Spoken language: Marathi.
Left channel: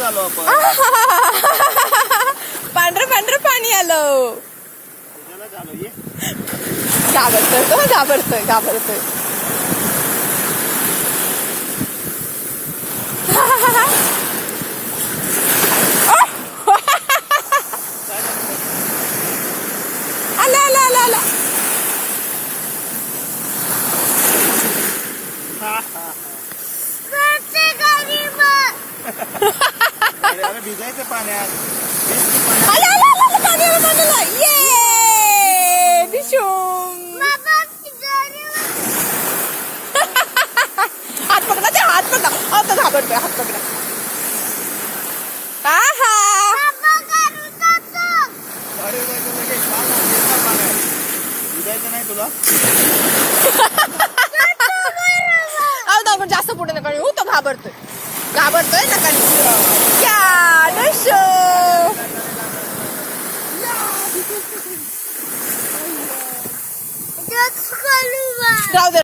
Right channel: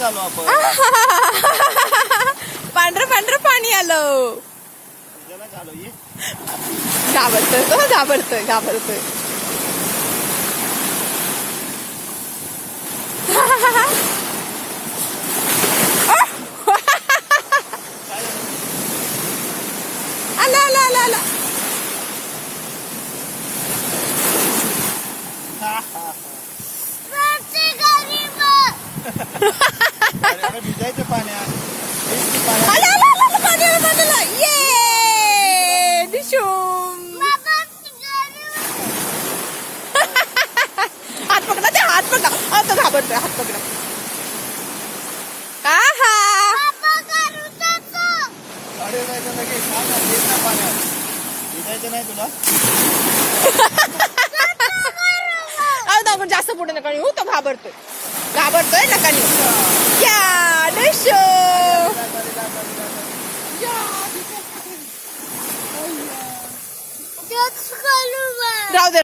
झालो आपण. पांढरं पांढरं पाणी आलं. त्याला झालो ये. घाबरतोय तो, घाबरतोय घाबरतोय. आला आला आला आला. अरे भिजायचं पाण्यात. आला आला आला पाणी आलं पाणी आलं. ये दिशूम. हात पकडा ते, हात पकडा. आता घाबरतोय, हात पकडा. आहा. अरे बाई लगे पाण्यात भिजायचं नाही तुला. आपण जास्त पुढे नका येऊ, तो घाबरतोय घाबरतोय नका येऊ. या दिशू. जाऊ दे.